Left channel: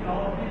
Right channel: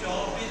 24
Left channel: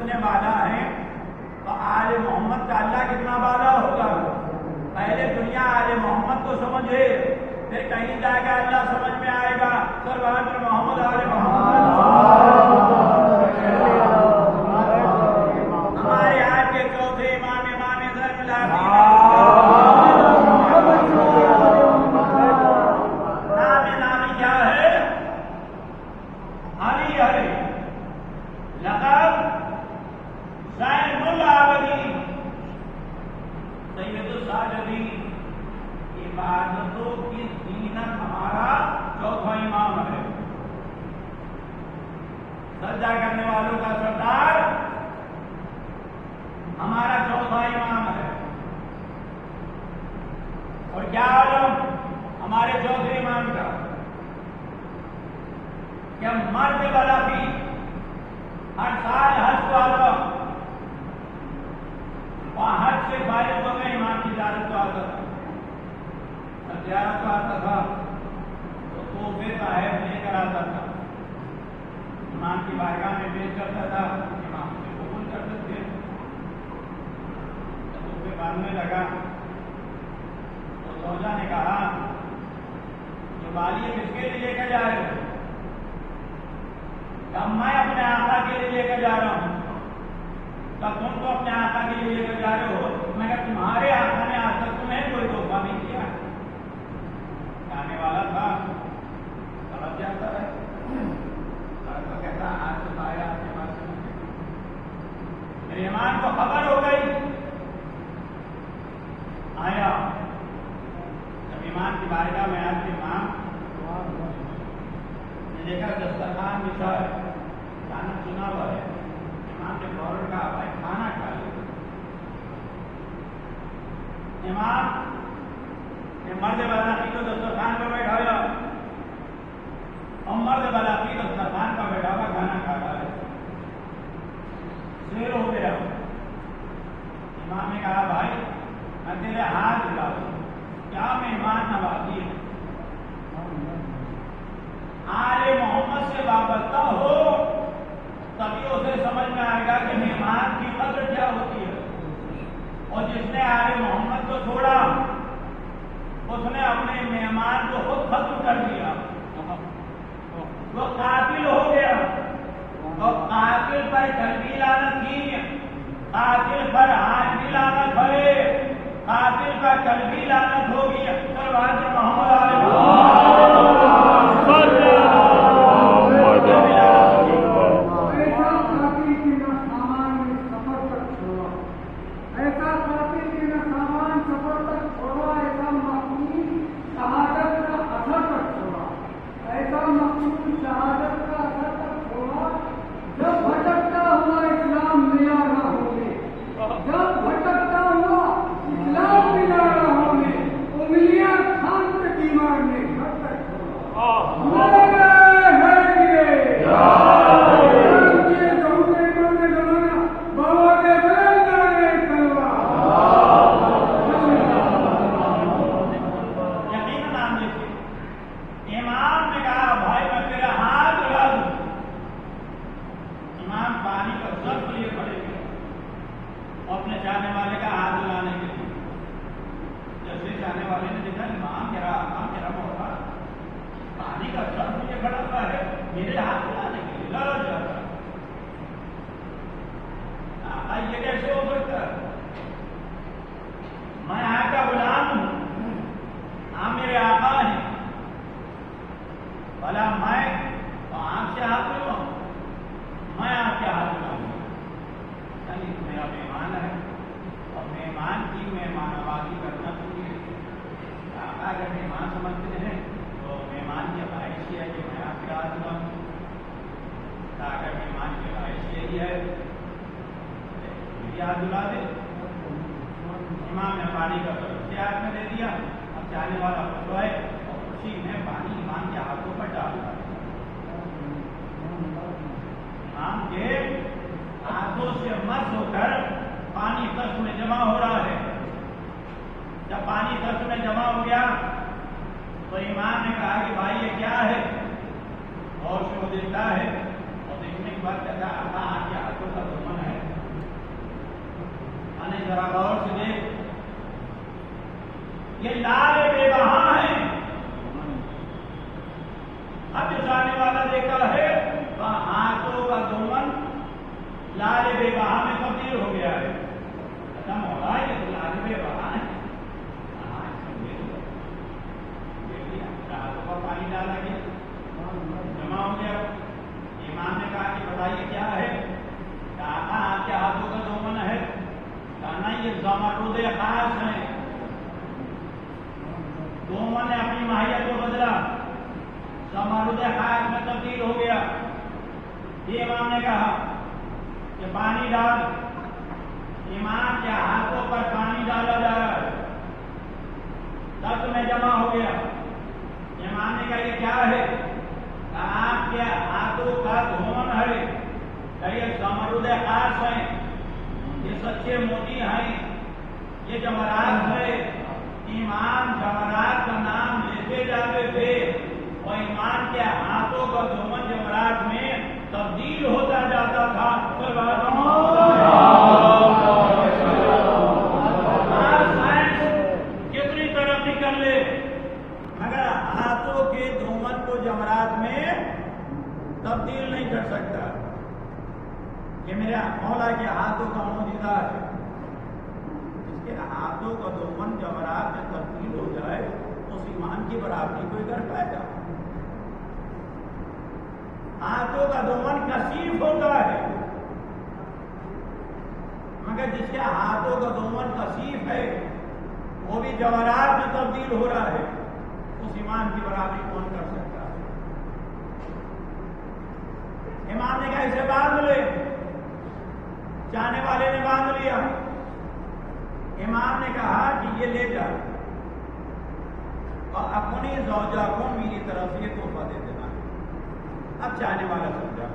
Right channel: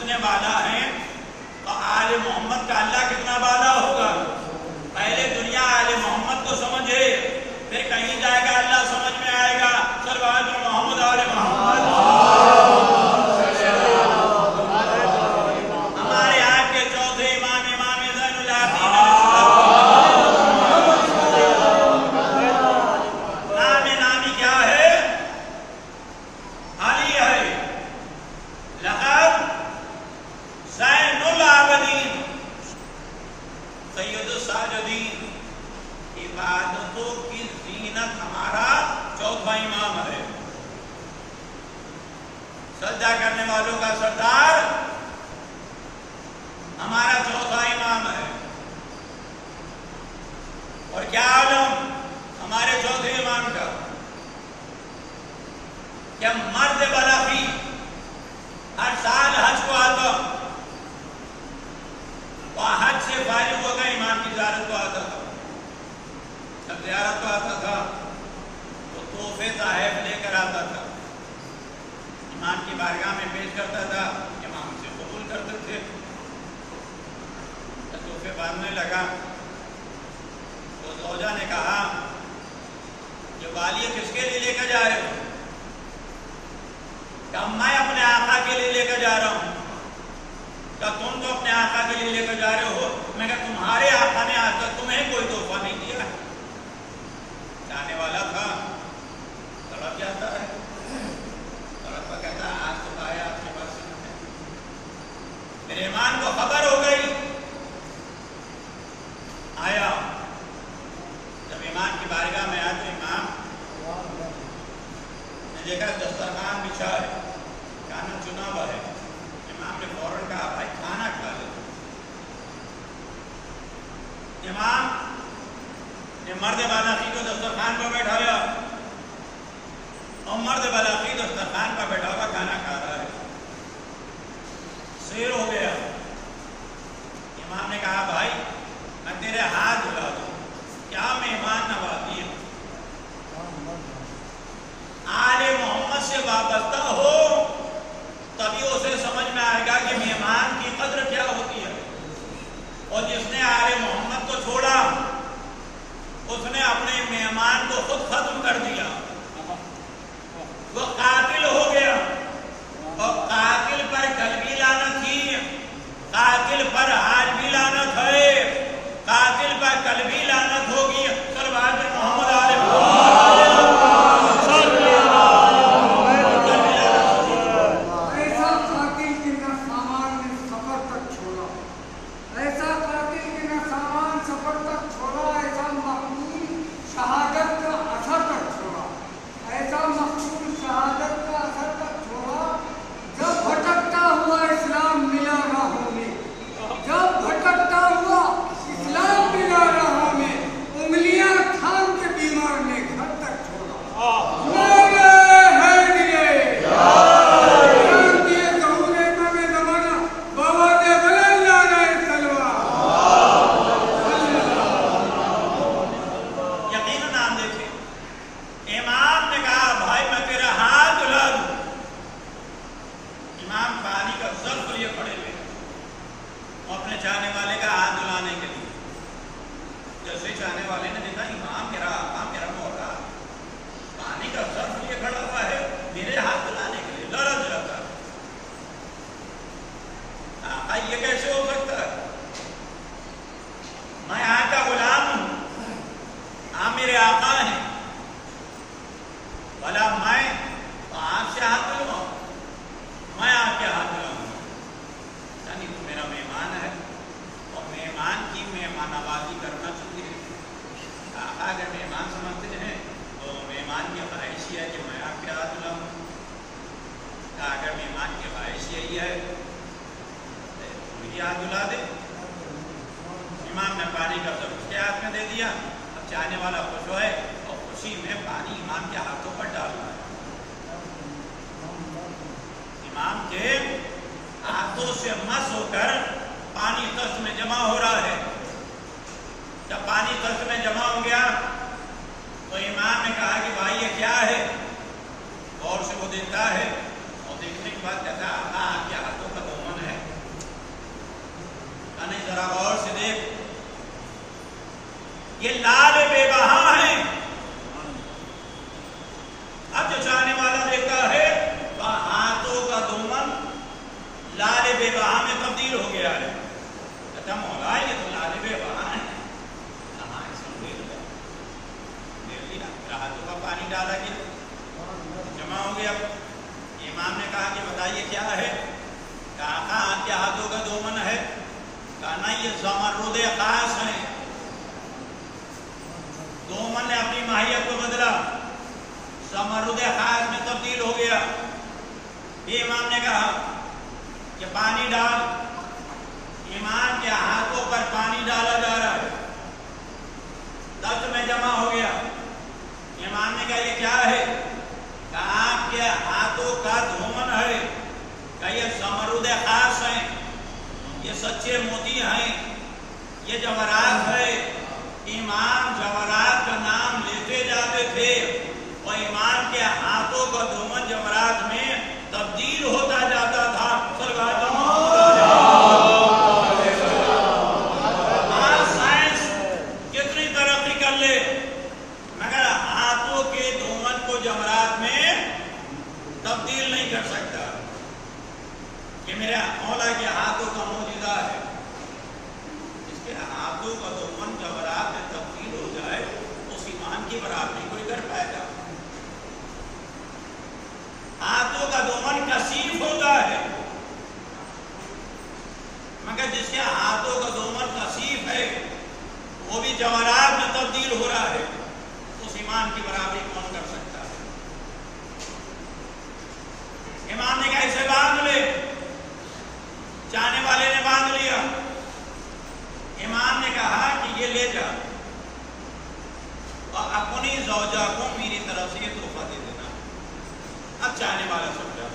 اتنے بالا ہیں تو آل محمد کا اللہ کتنا بالا ہوگا؟ پہلے دنیا آل محمد کو سمجھے، پھر کہیں جائے گا اللہ سمجھ میں آئے گا سرور محمد آل محمد۔ ہمارے آپ کے چوتھے امام امام زین العابدین نامی کیا ہے؟ علی ہے، لقب زین العابدین سید الساجدین، عبادتوں کی زینت ہمارا چوتھا امام ہے، سجدہ کرنے والوں کا سردار ہمارا چوتھا امام ہے۔ اور کیا عالم ہمارے چوتھے امام کا کہ مرد بلغی ہر سال حج کو آتا، اور حج سے فارغ ہو گئے امام کی زیارت کو آتا تھا۔ جب زیارت کو آتا تھا تو تحفے تحائف لے کر آتا تھا، امام کی بارگاہ میں پیش کرتا تھا، امام سے قبول کرتے تھے۔ تو تحفے باندھنے لگا تو زوجہ نے کہا یہ بالیہ کس کے لیے لے کر جا رہے ہو؟ کہ میں اپنے آقا کے لیے لے کر جا رہا ہوں۔ کہ تم تو اپنے آقا کے لیے لے کر جا رہے ہو، میں کہا تمہارے آقا نے آج تک تمہیں کوئی تحفہ نہیں دیا۔ جانے والا تھا، تڑپ جاتا ہے، تڑپ کر کہتا آج تو آیا آپ کے پاس۔ میرے امام کو خبر ہو گئی، آیا، جب امام کی بارگاہ میں آیا تو امام نے دیکھا دسترخوان بچھا ہے، کھانا چنا ہوا ہے۔ امام نے فوراً کہا بھائی کھانا کھا لے۔ امام نے مرد بالاخی کو دسترخوان پر بیٹھایا، اور مرد بالاخی دسترخوان پر بیٹھا ہوا کھانا کھا رہا ہے۔ سیر ہو گیا، امام نے کہا بھائی میں تیرے ہاتھ دھلا دوں، کیا مہمان نوازی ہے؟ آل محمد سے وابستہ ہو تبھی اسے سمجھ میں آئے گا کہ مہمان کی قدر کیا ہوتی ہے۔ اور جس نے آل محمد کو چھوڑا اس نے اپنے مہمان کو خود ختم کر دیا، وہ قاتل ہو گیا۔ وہ قاتل پر کل بھی لعنت تھی، قاتل پر آج بھی لعنت ہے، قاتل پر کل بھی لعنت ہوگی۔ سرور محمد علیہ اور دیکھتا ہے اور دیکھنے کے بعد کہتا ہے آپ کے ہاتھوں کا دامن ہے، ذرا غور سے دیکھ، یہ لال بے بہا ہے. اب جو چاہنے والا دیکھتا ہے ہاتھوں کا دومن لال بے بہا میں تبدیل ہو گیا ہے. اچھا مولا یہ تو لال بے بہا ہے، ہاتھوں کا پانی ڈالا گیا، جمع ہو گیا. امام نے کہا کہ بتائیے کیا ہے؟ کہا آپ کے ہاتھوں کا دومن ہے. کہا نہیں، یہ زمرد خاص ہیں. دومن نے اپنی ماہیت کو بدلا، زمرد خاص میں تبدیل ہو گیا. یہ امام نے کہا کہ پانی ڈال. امام کے ہاتھوں پر پانی ڈالا جا رہا ہے، درد میں جمع ہو گیا. امام نے کہا یہ کیا ہے؟ کہ آپ کے ہاتھوں کا دھومن ہے. کہ یہ زمرد خاص ہیں، یہ سچے موتی ہیں، یہ جواہرات ہے. امام جواہرات کا نام لیتے جاتے تھے اور امام کے ہاتھوں کا دھومن جواہرات میں تبدیل ہوتا جاتا تھا. سائنس کتنی ترقی کر لے مگر ہاتھوں کے دھومن کو جواہرات میں تبدیل نہیں کر سکتا. یہ میرے مولا کے ہاتھوں کا معجزہ ہے. اس کے ہاتھوں کا دومن جواہرات میں تبدیل ہو جائے اس ایمان کی برابری کوئی کر پائے گا؟ ہاتھوں کا دومن کثیف ہوتا ہے مگر جس کے ہاتھوں کا دومن کثیف ہے وہ بھی جواہرات میں تبدیل ہو رہا ہے، اس ایمان کی برابری کون کر سکتا ہے؟ امام نے کہا اسے باندھ لے. چاہنے والے نے باندھ لیا. امام نے کہا کہ یہ لے جا اور اپنی زوجہ کو میری طرف سے یہ تحفہ دے دینا. اب چاہنے والا سمجھا،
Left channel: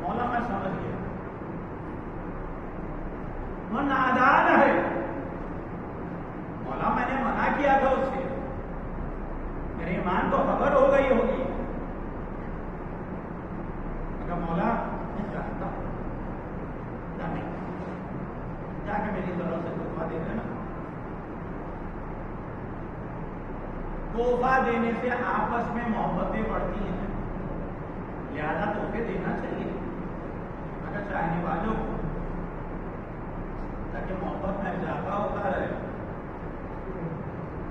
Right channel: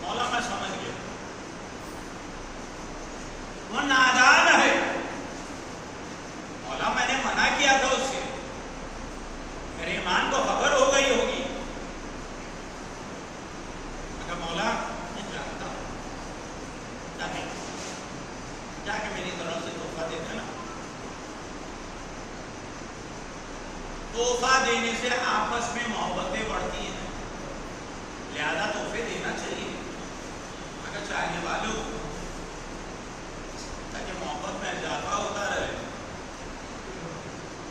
مولا میں سمجھ گیا وہ نادان ہے. مولا میں نے منع کیا تھا اس سے، میرے ایمان کو خبر ہو گئی ہوگی. اگر مولا میں جانتا ہوں جا کے میری طرف سے تحفہ دے دینا. تحفہ دینے سے آپس میں محبتیں بڑھتی ہیں، لہذا تحفے دینا چاہیے اگر چاہنے والوں کو، تاکہ محبت میں اضافہ ہوتا رہے.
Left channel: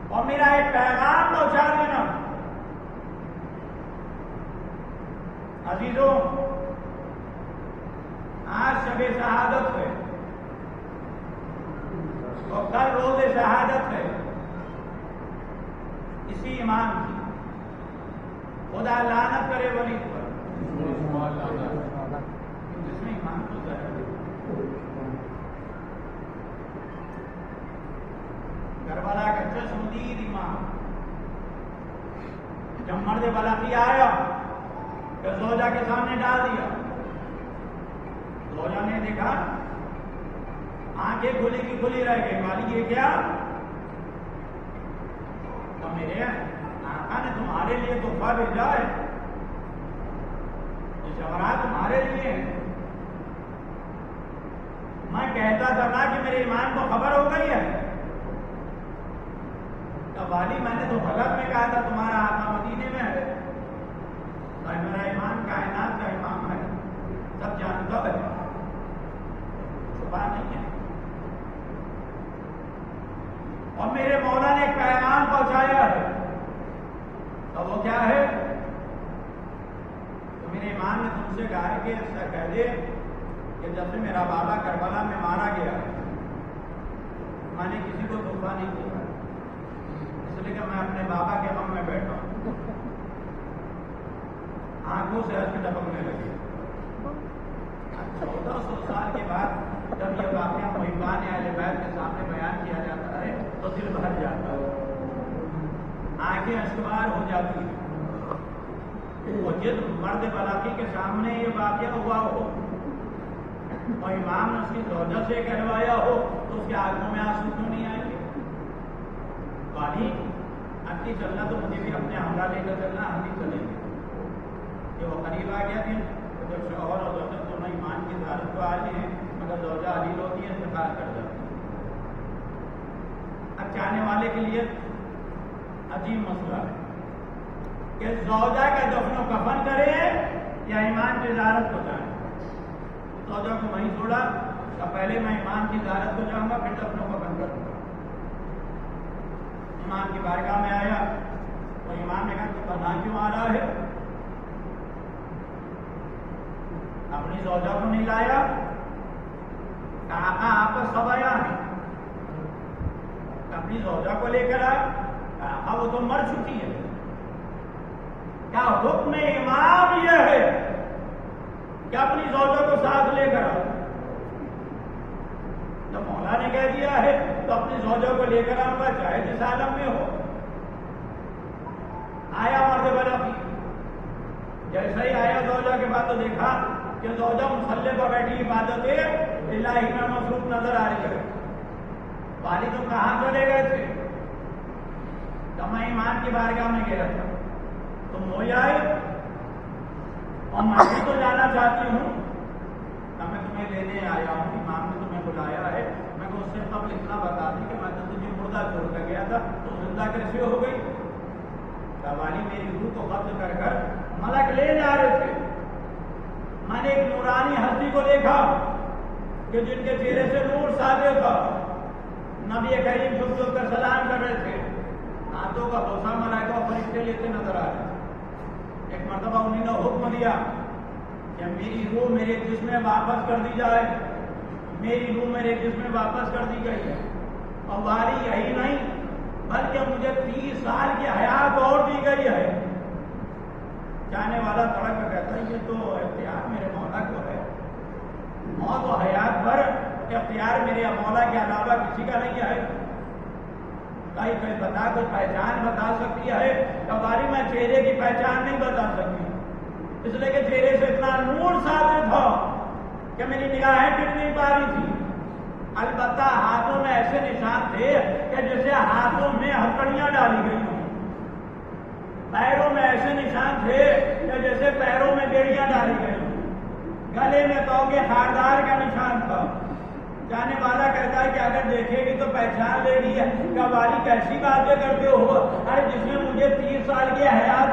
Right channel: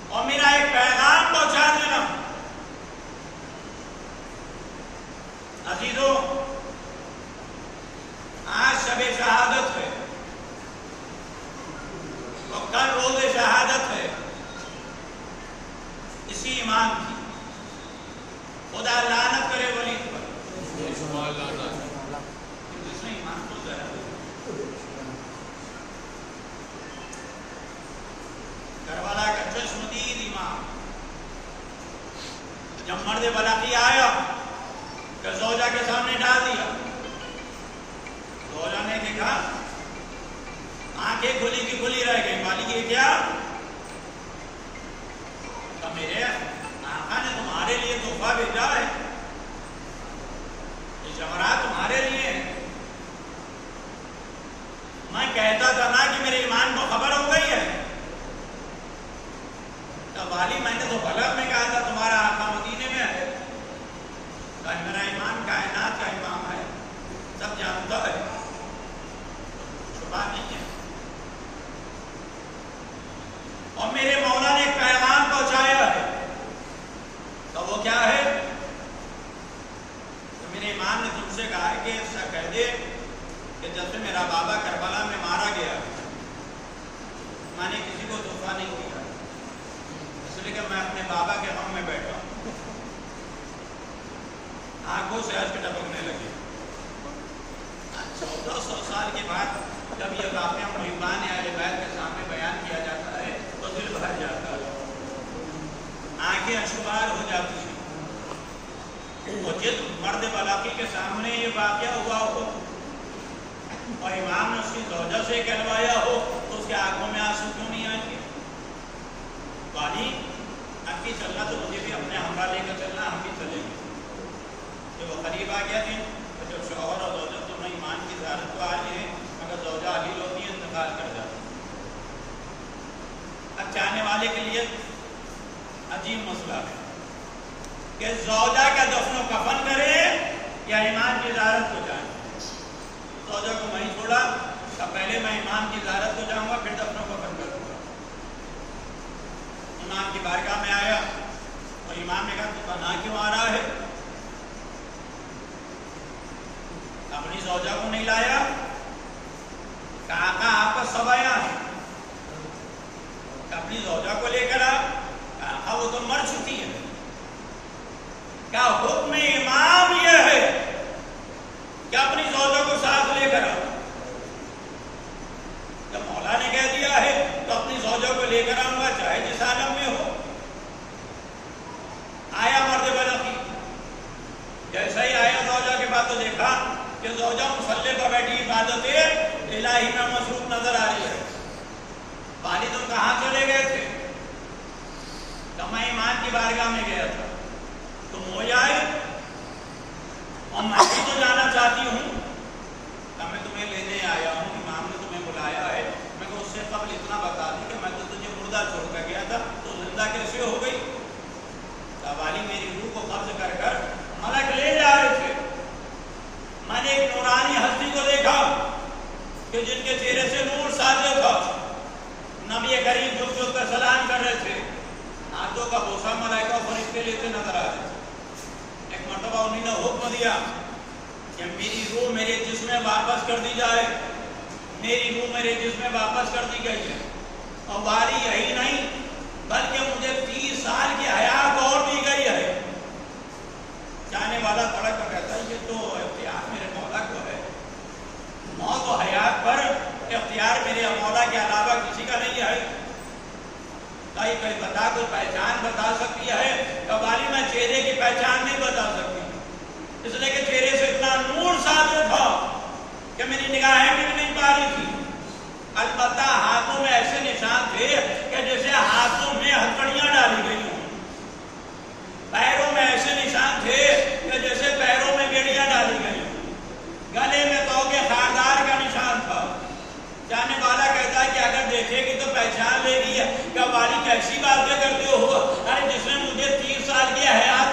اور میرا ایک پیغام پہنچا دینا. عزیزوں آج شب شہادت ہے اور کل روز شہادت ہے. اسی ایمان کی خدا لعنت کرے ولی پر جس نے ایمان کو ظاہر کربلا کا چشمدید امام جب مرد بلقی آیا تو زوجہ کے سامنے ڈال دیا. زوجہ نے دیکھا آنکھیں کھلی کی کھلی رہ گئی. مالک یہ کیا؟ میرے آقا نے تمہارے لیے تحفہ بھیجا ہے، یہ جواہرات تمہارے لیے ہیں. میں کہتا تھا نا کہ میرے ایمان کو خبر ہو گئی ہے. تب والی میں نے تو غلط میں کہا تھا تمہارا آقا مدینے میں ہے، اور میرا ایمان کائنات کا امام ہے، سب جانتا ہے، چھپا نہیں ہے. اور میرے مولا نے ایک پیغام پہنچایا ہے. تو وہ کیا ہے؟ تو میرے امام نے تم سے کہا کہ ایسا کہہ دے کہ جب سے میرا بابا کربلا میں مارا گیا میں نے کسی کو تحفہ نہیں دیا، اس لیے کہ میں اپنے بابا کے غم میں بیٹھا ہوں. آنکھوں سے اشک ٹپکنے لگے. 1400 سال کے بعد جب یہ واقعہ محبان اہل بیت کے سامنے بیان کیا جاتا ہے تو دل بھر جاتا ہے، آنکھیں اشکبار ہو جاتی ہیں. اور جس مرد بلاقی کے سامنے یہ واقعہ ہوا ہو اور امام نے اس کی زوجہ سے کہلوایا ہو تو اس کے آنکھوں میں آنسو کیوں نہیں آئیں گے؟ بانی اب کی چلنا تو مجھے بھی اپنے ہمراہ لے کر چلنا، ہم بھی چلیں گے. جب وہ قریب آ گیا دن تو جب شوہر اور زوجہ دونوں ایمان کی زیارت تو آ رہی ہیں مگر زوجہ علیل ہوتی ہے انتقال کر جاتا. اب چاہنے والے کے لیے عجیب مسئلہ ہے کہ زوجہ کا دفن و کفن کرے یا امام کی زیارت کو جائیں. زوجہ کو وہیں چھوڑا تو پہلے میں امام کی زیارت کو جاؤں گا پھر دفن و کفن کروں گا. امام کی بارگاہ میں آیا تو امام نے کہا تو تنہا کیوں آ رہا ہے؟ اپنی زوجہ کو نہیں لایا؟ کہا آپ کا سب آیا ہے. اپنی زوجہ کو لے کر آ. کہا وہ تو مر چکی ہے. کیا حکم امام یہ ہے کہ اپنی زوجہ کو ساتھ لے کر آ؟ جب مولا نے کہہ دیا ہے تو اپنی زوجہ کو لے کر آؤں گا چاہے جس عالم میں ہو. آیا مرد بلقی. جیسا ہی آیا زوجہ کے بعد تو دیکھا کہ زوجہ مصلی پر بیٹھی عبادت الہی میں مصروف نظر آ رہی ہے. والد تم کہاں چلے گئے تھے؟ کہ میں امام کی بارگاہ میں گیا تھا. تم ہو جائے اور میں بھی تو جانا چاہتی ہوں. کہ میں تمہیں لینے آیا ہوں, امام نے تمہیں بلایا ہے. میں کہ اس سے قبل اتنا بتا دوں کہ میں تو تجھے مردہ چھوڑ کر گیا تھا تو زندہ کیسے ہو گئی؟ کہ والی میری روح کو قبض کر کر ملک لے جا رہے تھے. میں نے ایک نورانی ہستی کو دیکھا کہ جن کے چہرے سے نور ساطع تھا. نبی کریم جھک جھک کر سلام کر رہے تھے. ہاتھوں کا بوسہ ملائکہ اور فرشتے لیتے نظر آ رہے. ایک مرتبہ انہوں نے حکم دیا کہ میری روح میرے جسم میں واپس کر دی جائے. میری روح میرے جسم میں واپس کر دی گئی ہے. اور واری یہی نہیں بلکہ مجھے 30 سال کی حیات اور دی گئی ہے. جانے والا تڑک کر کہتا ہے یہ تو اختیار میرے مولا کو ہے. موت و حیات پر اختیار میرے مولا کے علاوہ کسی کا نہیں ہے. کوئی بتا کوئی پہچان بتا سکتی ہے؟ کباری میں چہرے کی پہچان نہیں بتا سکتی, اس لیے کہ چہرے سے اتنا نور ساطع تھا کہ میری نگاہیں گر نہیں پا رہی تھی. البتہ ہاتھوں میں ایسے نشان تھے کہ جیسے ہاتھوں میں ہتھکڑیاں ڈالی گئی ہوں. پیروں میں ایسے نشان تھے کہ جیسے پیروں میں بیڑیاں ڈالی گئی ہوں. گلے میں تو کے خاردار کا نشان تھا. جانے والا کہتا ہے کہ اگر دیکھے گی تو پہچان لے گی ہے کہ والی کیسی باتیں کرتے ہو. ارے جس نے مجھے 30 سال کی حیات